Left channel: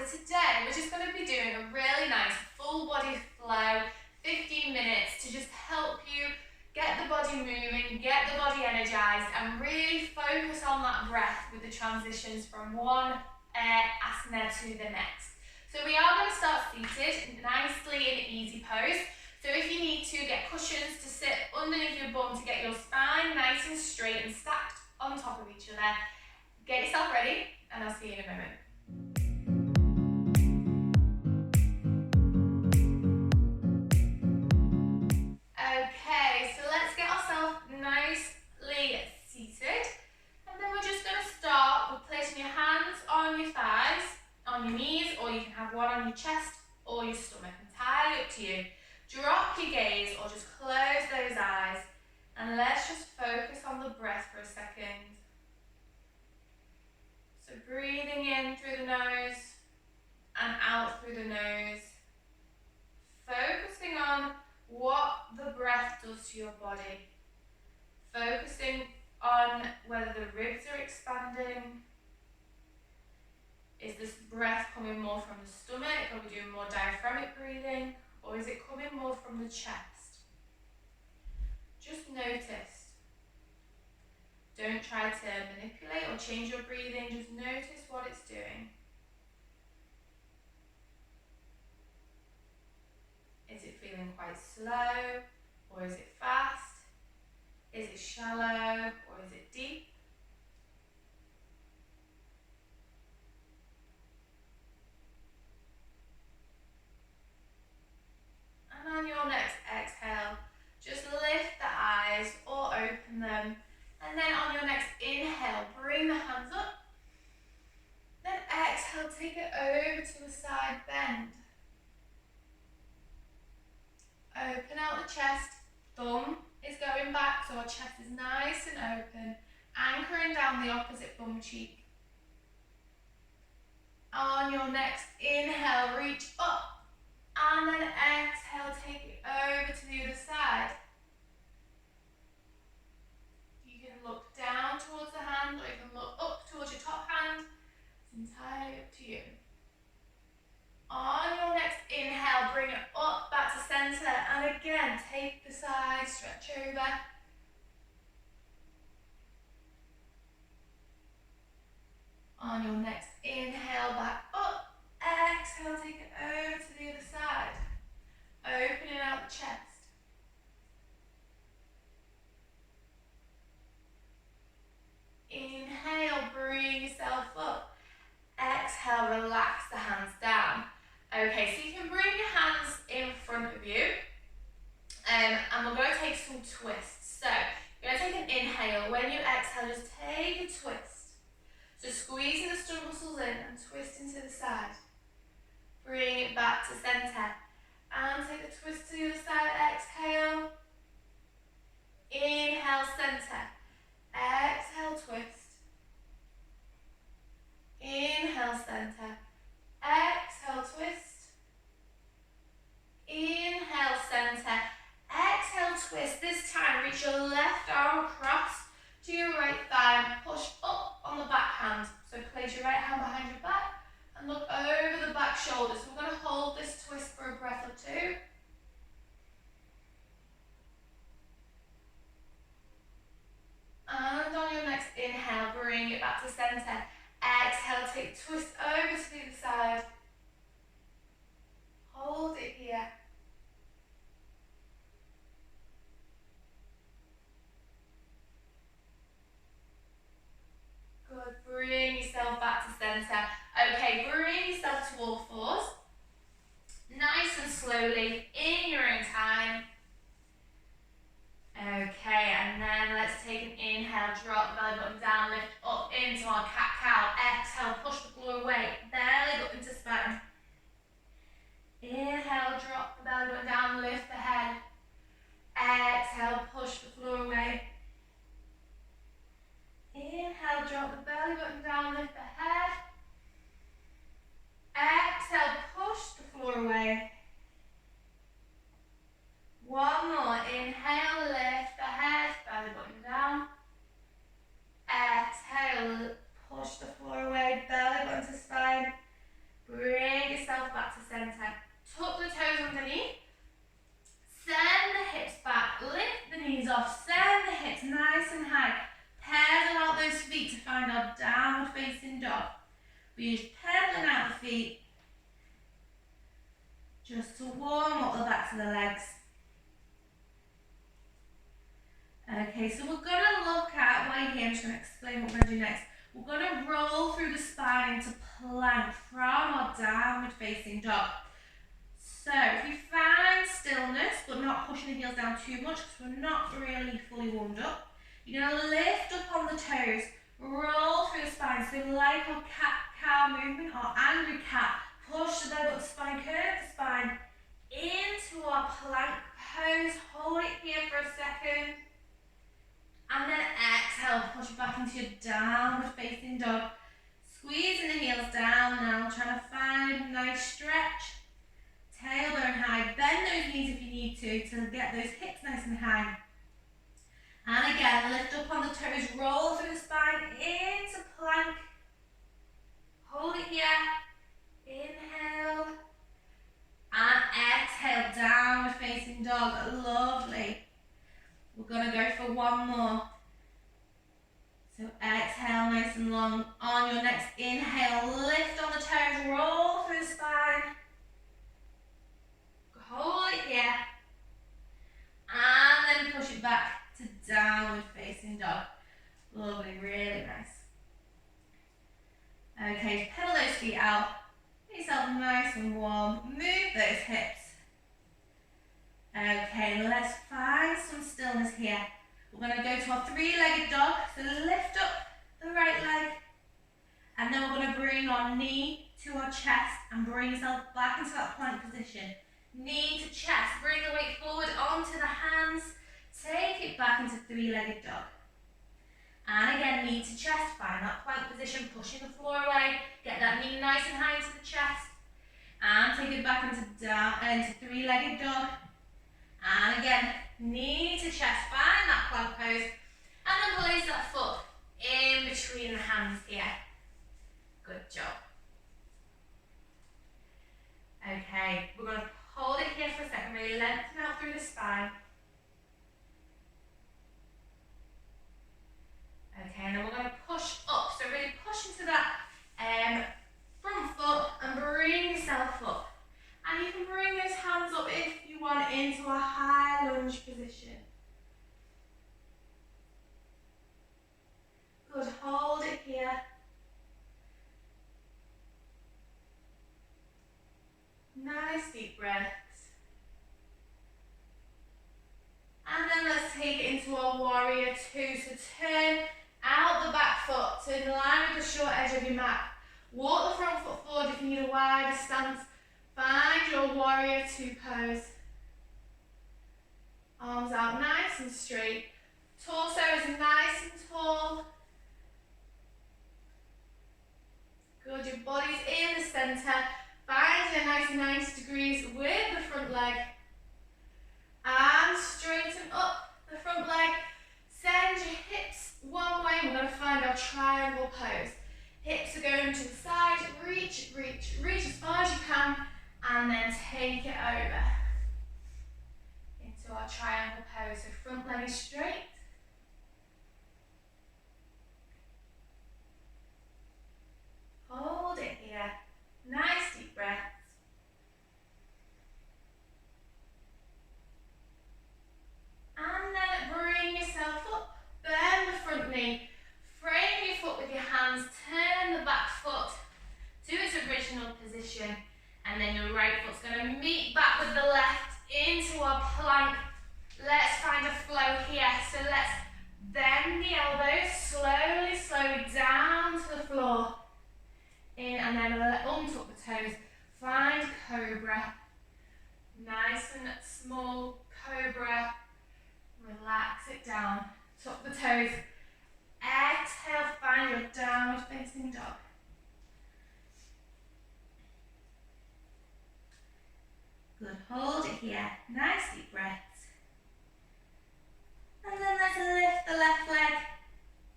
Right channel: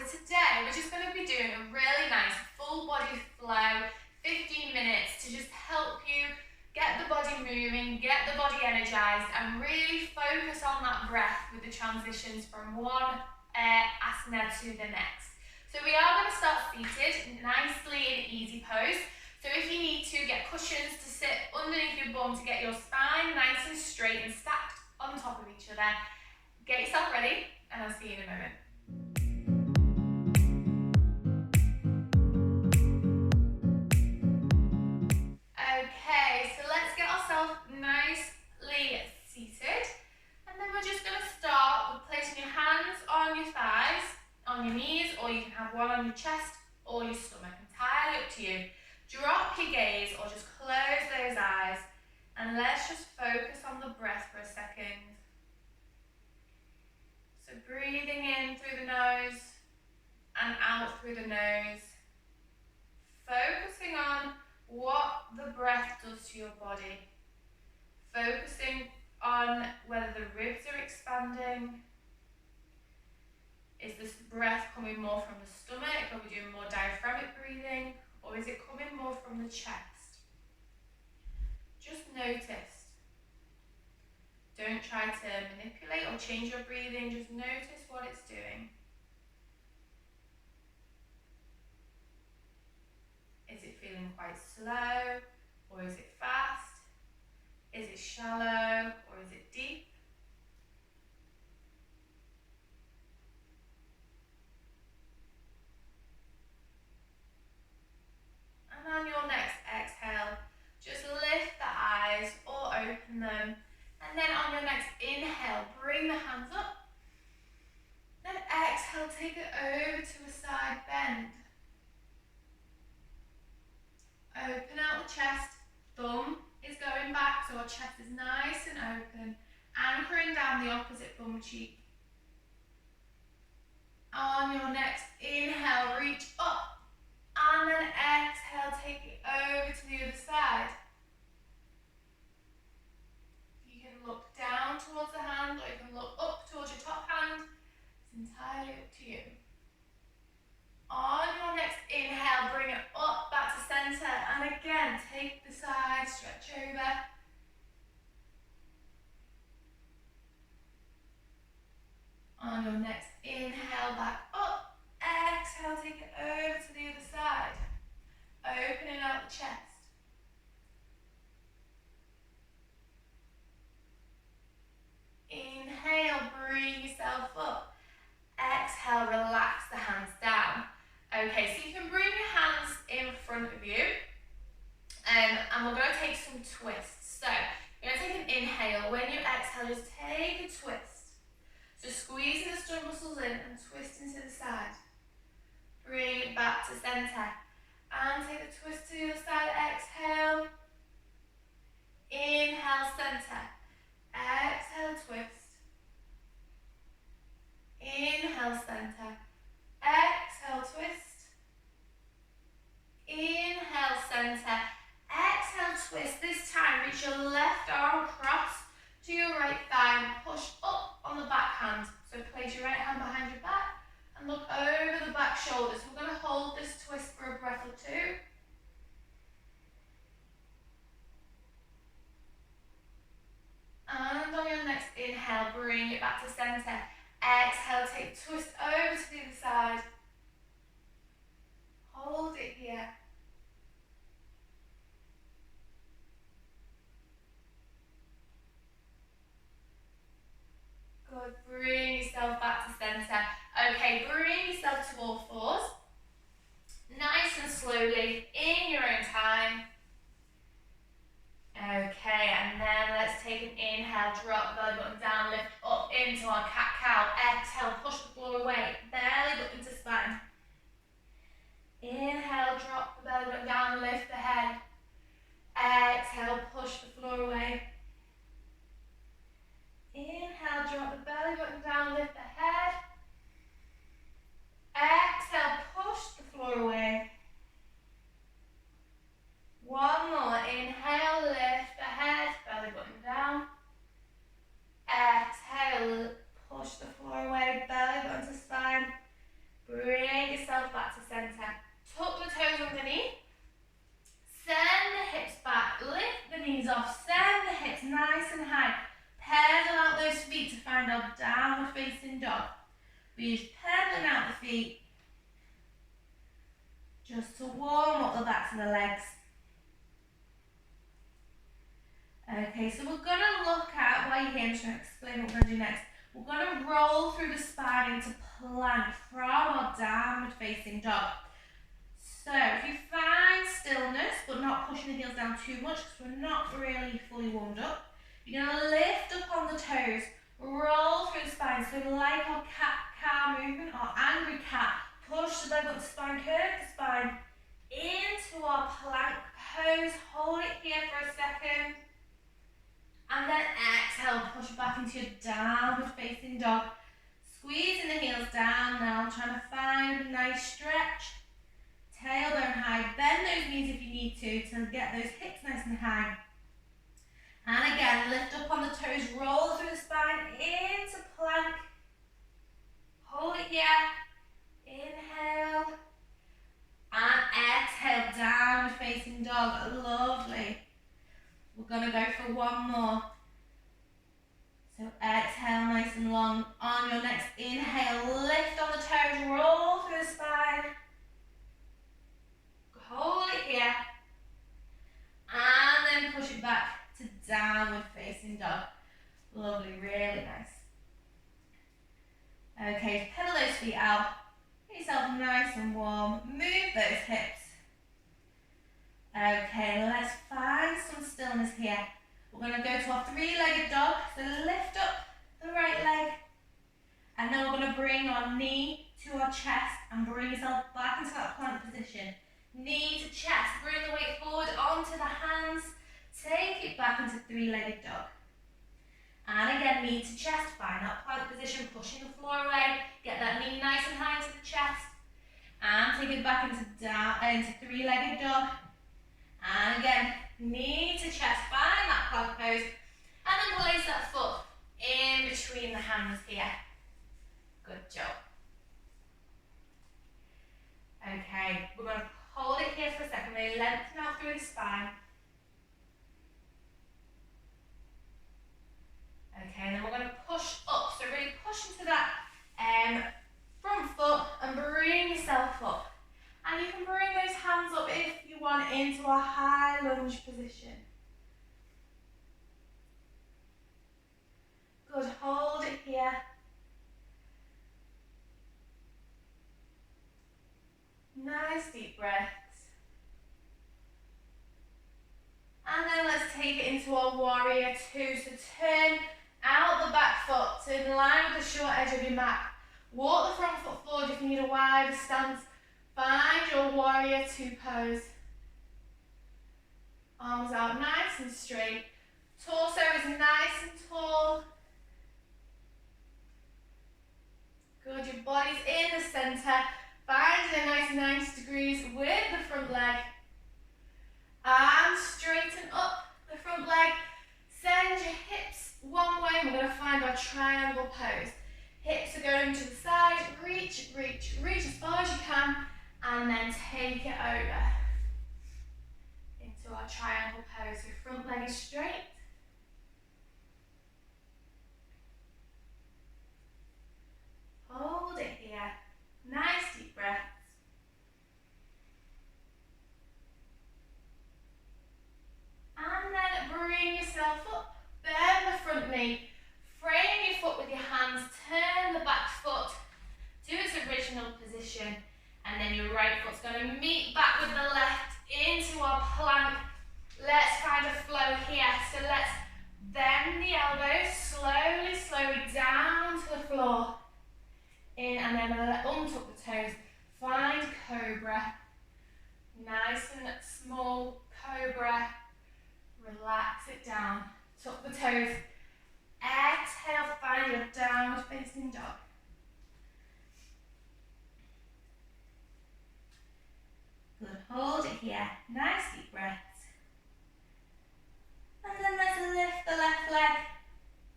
So today we're just going to be doing a really nice full body flow, 15 minutes to just help you get the body moving, get the body energized, and really focus on that breath with the transitions from one asana to the next. So we are going to start seated nicely in easy pose. So if you need to, get cushions to sit underneath your bum to get your spine nice and straight and stacked on top of each other. Get yourself ready, and I'll see you in a moment. Okay, so let's get ourselves nicely seated, and then we're just going to start with placing your hands on your thighs, on your knees, or you can have one on your chest or your stomach, entirely up to you. Drop your gaze or just close those eyes, and let's just focus on the breath for a second. So breathing in through the nose and out through the nose, focusing on what the breath does to your body, focusing on whether the ribs are expanding. Is this breath coming more from the stomach? Are we doing more diaphragmic breathing? Or is it coming more from the chest? Just notice. Don't try to manipulate or change your breathing, just notice what it's doing. Is it feeling quite slow, or is it fast? Is it shallow, or is it deep? And on your next exhale, just lift the eyes or open them. And then on your next inhale, bring the hands up. Then exhale, take it over to a side bend. Open out the chest, thumb is going back so our chest is nice and open, anchoring down the opposite bum cheek. On your next inhale, reach up, and then exhale, take it over to the other side. You can look down towards the hand, or you can look up towards your top hand. It's entirely up to you. On your next inhale, bring it up back to center, and again, take the side, stretch over. On your next inhale, back up, exhale, take it over to the other side, opening out the chest. Inhale, bring yourself up. Exhale, relax the hands down. Okay, so you can bring your hands in front of you, and we're going to take some twists. So you're going to take an inhale. When you exhale, just take a twist. So squeezing the stomach muscles in and twisting to the side. Bring it back to center, and take the twist to the other side. Exhale. Inhale, center. Exhale, twist. Inhale, center. Exhale, twist. Inhale, center. Exhale, twist. This time, reach your left arm across to your right thigh and push up on the back hand. So place your right hand behind your back and look over the back shoulder. So we're going to hold this twist for a breath or two. And on your next inhale, bring it back to center. Exhale, take twist over to the other side. Hold it here. Good, bring yourself back to center. Okay, bring yourself to all fours. Nice and slowly, in your own time. Okay, and then let's take an inhale, drop the belly button down, lift up into our cat-cow. Exhale, push the floor away, belly button to spine. Inhale, drop the belly button down, lift the head. Exhale, push the floor away. Inhale, drop the belly button down, lift the head. Exhale, push the floor away. One more, inhale, lift the head, belly button down. Exhale, push the floor away, belly button to spine. Bring downward facing dog. We're just pedaling out the feet just to warm up the backs of the legs. Okay, so we're going to look at, while you're here, I'm just going to explain what we're going to do next. We're going to roll through the spine into plank from our downward facing dog. So if you find stillness, but not pushing the heels down too much because we're not really fully warmed up, you're going to lift up on the toes, roll through the spine. So like our cat-cow movement or angry cat, push the leg up the spine, curve the spine into our plank pose. Hold it here for a second. And then exhale, push back into your downward facing dog. Squeezing the heels down now, trying to find a nice stretch. Tailbone high, bend those knees if you need to get those hips nice and high. And again, lift up on the toes, roll through the spine into plank. Hold it here. Inhale. And exhale, downward facing dog. Lovely. We're going to go for one more. So exhale nice and long. On your next inhale, lift on the toes, roll through the spine. Hold it here. And then push it back to downward facing dog. Lovely, really nice. Okay, pedal those feet out. Get yourself nice and warm. Move those hips. Okay, let's find some stillness here. We're going to go to our three-legged dog. So lift up the right leg. And then we're going to bring our knee to our chest and bring yourself back into that plank position. Knee to chest, bring the weight forward onto the hands, take it back into three-legged dog. And again, knee to chest, find that plank position, pushing the floor away, get that knee nice and high into the chest, and take it back into three-legged dog. And again, knee to chest, find that plank pose, and then place that foot in between the hands here. Good job. Okay, we're going to hold it here for a second, really lengthen out through the spine. Okay, and then we're going to push up, so really push into that front foot and bring yourself up. And you can bring those hands up if you want into a high lunge position. Good, hold it here. Nice deep breaths. And then let's take it into our warrior two. So turn out the back foot, so in line with the short edge of your mat. Walk the front foot forward if you need a wider stance. Find your warrior two pose. Arms out nice and straight. Torso is nice and tall. Good, your body's in the centre. Finding a nice 90 degrees with the front leg. And straighten up the front leg. Send your hips one way. We're going to find our triangle pose. Hips are going to the side. Reach, reach, reach as far as you can. And then take it over into our triangle pose. So front leg is straight. Hold it here. Nice deep breaths. And then bring yourself up. Bend the front knee. Frame your foot with your hands. Turn the back foot to its original position. And then your right foot's going to meet back with the left into our plank. Let's find a flow here. So let's bend the elbows slowly, slowly down to the floor. In and then untuck the toes. Find cobra. Nice and small cobra. Relax it down. Tuck the toes. Exhale, find your downward facing dog. Good, hold it here. Nice deep breaths. And then let's lift the left leg.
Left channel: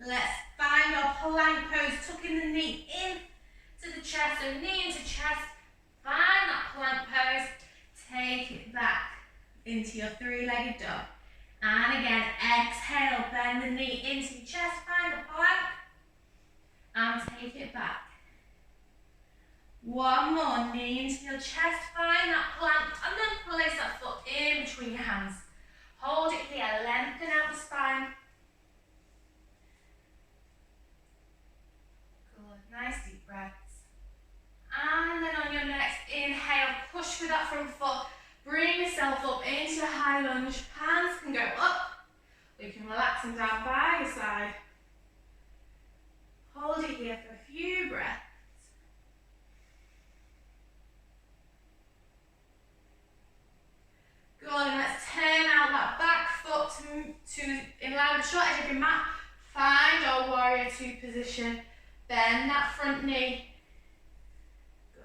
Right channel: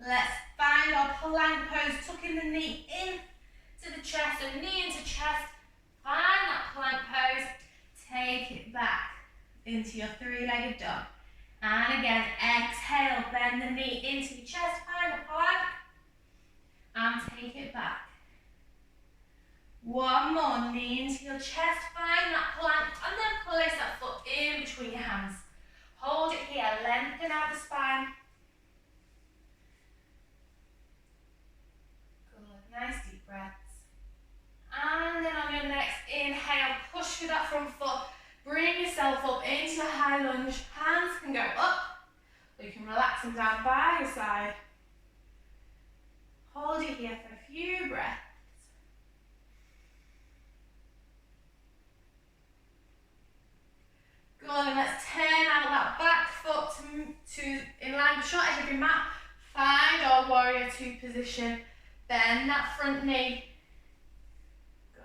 Let's find our plank pose, tucking the knee in to the chest, so knee into chest. Find that plank pose. Take it back into your three-legged dog. And again, exhale, bend the knee into your chest, find the plank. And take take it back. One more, knee into your chest, find that plank, and then place that foot in between your hands. Hold it here, lengthen out the spine. Good, nice deep breaths. And then on your next inhale, push with that front foot. Bring yourself up into your high lunge. Hands can go up, or you can relax them down by your side. Hold it here for a few breaths. Good, and let's turn out that back foot to in line with the short edge of your mat. Find our warrior two position. Bend that front knee. Good.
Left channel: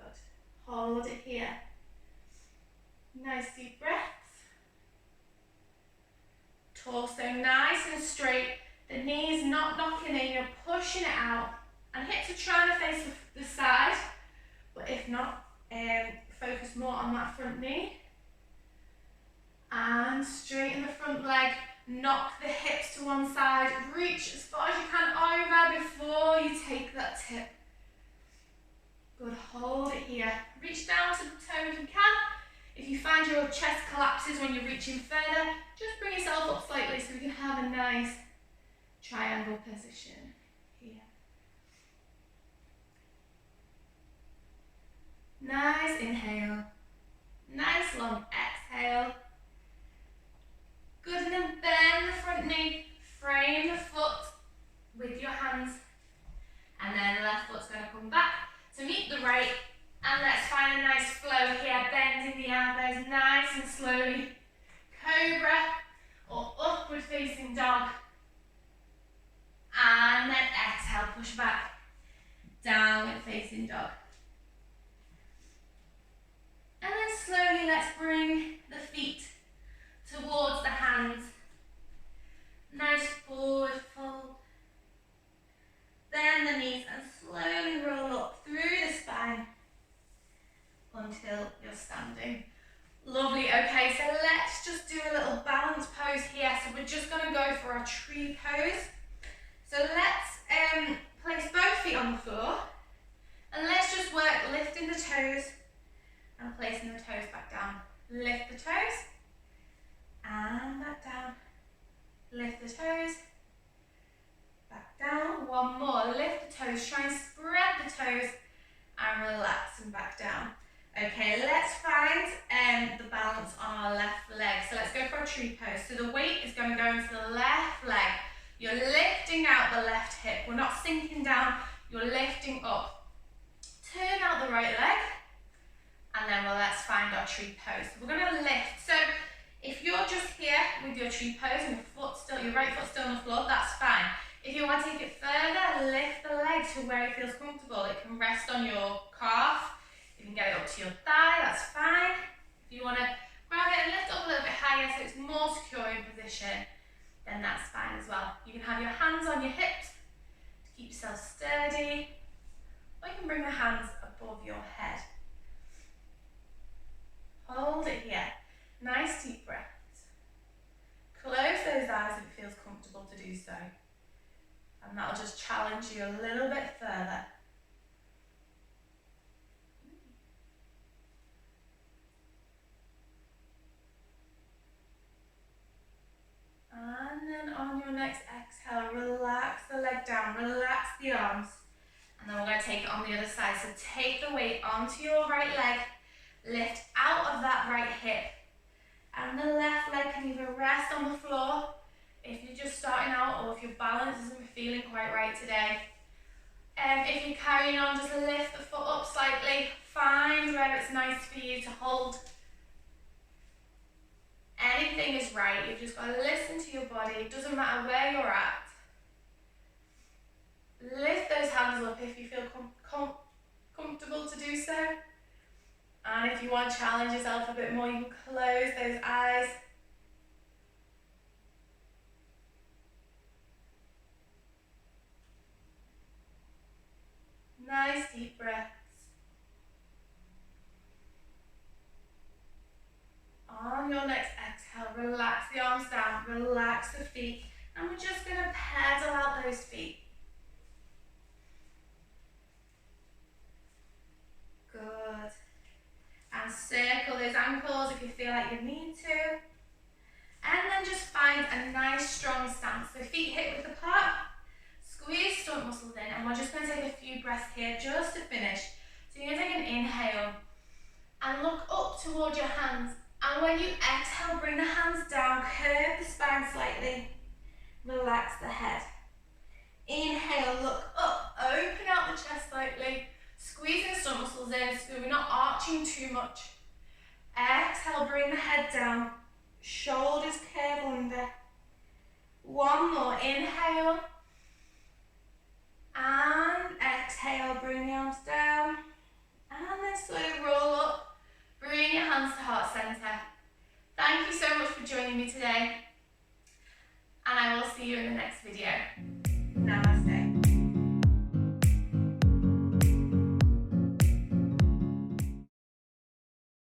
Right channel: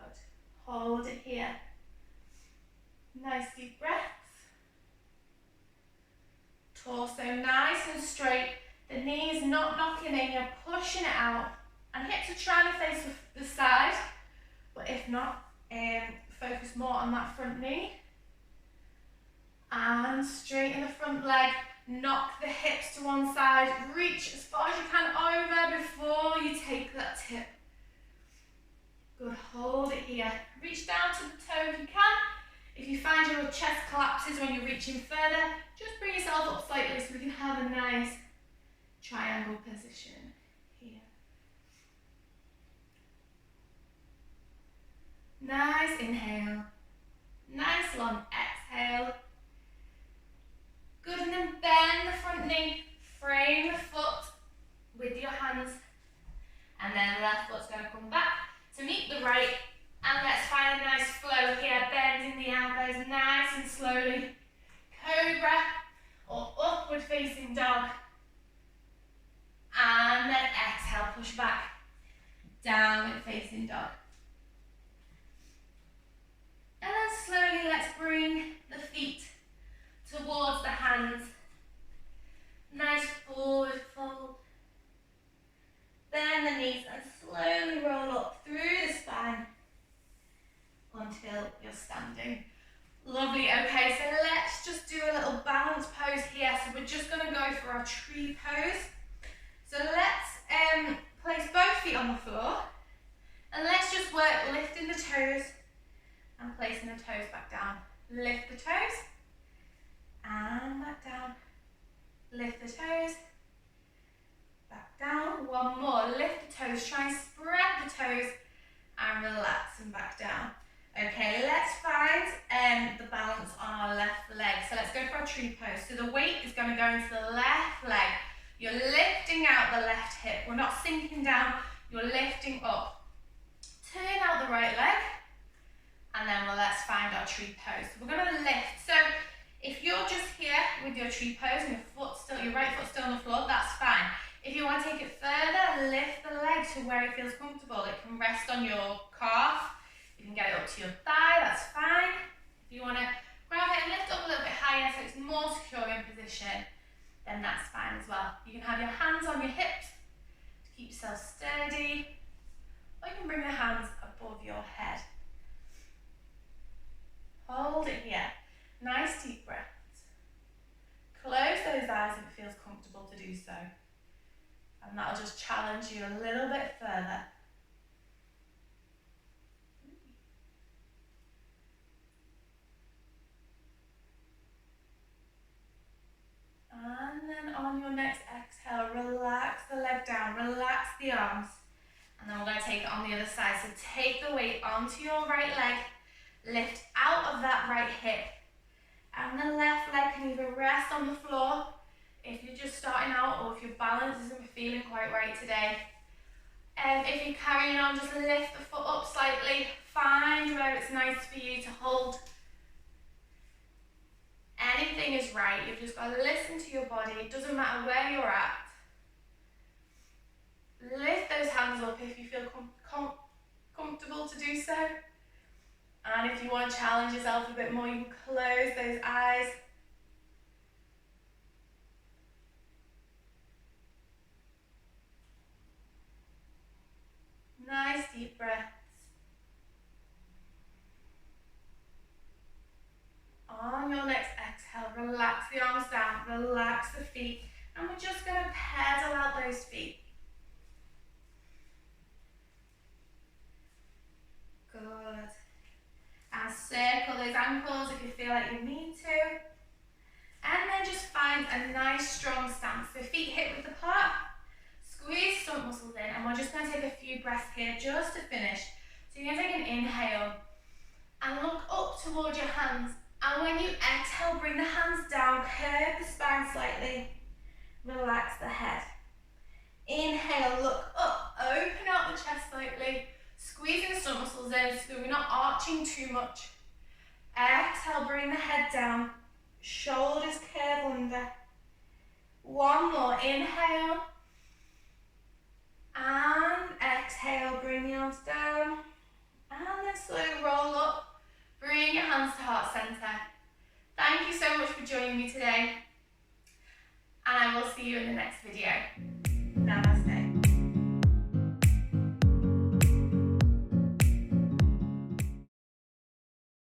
Hold it here. Nice deep breaths. Torso nice and straight. The knees not knocking in, you're pushing it out. And hips are trying to face the side. But if not, focus more on that front knee. And straighten the front leg. Knock the hips to one side. Reach as far as you can over before you take that tip. Good, hold it here. Reach down to the toe if you can. If you find your chest collapses when you're reaching further, just bring yourself up slightly so we can have a nice triangle position here. Nice inhale. Nice long exhale. Good, and then bend the front knee, frame the foot with your hands, and then the left foot's going to come back to meet the right, and let's find a nice flow here, bending the elbows nice and slowly. Cobra or upward facing dog, and then exhale, push back, downward facing dog. And then slowly let's bring the feet towards the hands. Nice forward fold. Bend the knees and slowly roll up through the spine until you're standing. Lovely. Okay, so let's just do a little balance pose here. So we're just going to go for our tree pose. So let's place both feet on the floor, and let's just work lifting the toes and placing the toes back down. Lift the toes and back down. Lift the toes, back down. One more. Lift the toes. Try and spread the toes and relax them back down. Okay, let's find the balance on our left leg. So let's go for our tree pose. So the weight is going to go into the left leg. You're lifting out the left hip. We're not sinking down. You're lifting up. Turn out the right leg. And then let's find our tree pose. So we're going to lift. So if you're just here with your tree pose and your right foot still on the floor, that's fine. If you want to take it further, lift the leg to where it feels comfortable. It can rest on your calf. You can get it up to your thigh, that's fine. If you want to grab it and lift up a little bit higher so it's more secure in position, then that's fine as well. You can have your hands on your hips to keep yourself sturdy, or you can bring the hands above your head. Hold it here. Nice deep breaths. Close those eyes if it feels comfortable to do so. And that'll just challenge you a little bit further. And then on your next exhale, relax the leg down, relax the arms. And then we're going to take it on the other side. So take the weight onto your right leg, lift out of that right hip. And the left leg can either rest on the floor if you're just starting out, or if your balance isn't feeling quite right today. If you're carrying on, just lift the foot up slightly. Find where it's nice for you to hold. Anything is right. You've just got to listen to your body. It doesn't matter where you're at. Lift those hands up if you feel comfortable to do so. And if you want to challenge yourself a bit more, you can close those eyes. Nice deep breaths. On your next exhale, relax the arms down, relax the feet, and we're just going to pedal out those feet. ankles if you feel like you need to. And then just find a nice strong stance. So feet hip width apart, squeeze stomach muscles in, and we're just going to take a few breaths here just to finish. So you're going to take an inhale and look up towards your hands. And when you exhale, bring the hands down, curve the spine slightly, relax the head. Inhale, look up, open out the chest slightly, squeezing the stomach muscles in so we're not arching too much. Exhale, bring the head down, shoulders curve under. One more, inhale. And exhale, bring the arms down. And then slowly roll up. Bring your hands to heart center. Thank you so much for joining me today. And I will see you in the next video.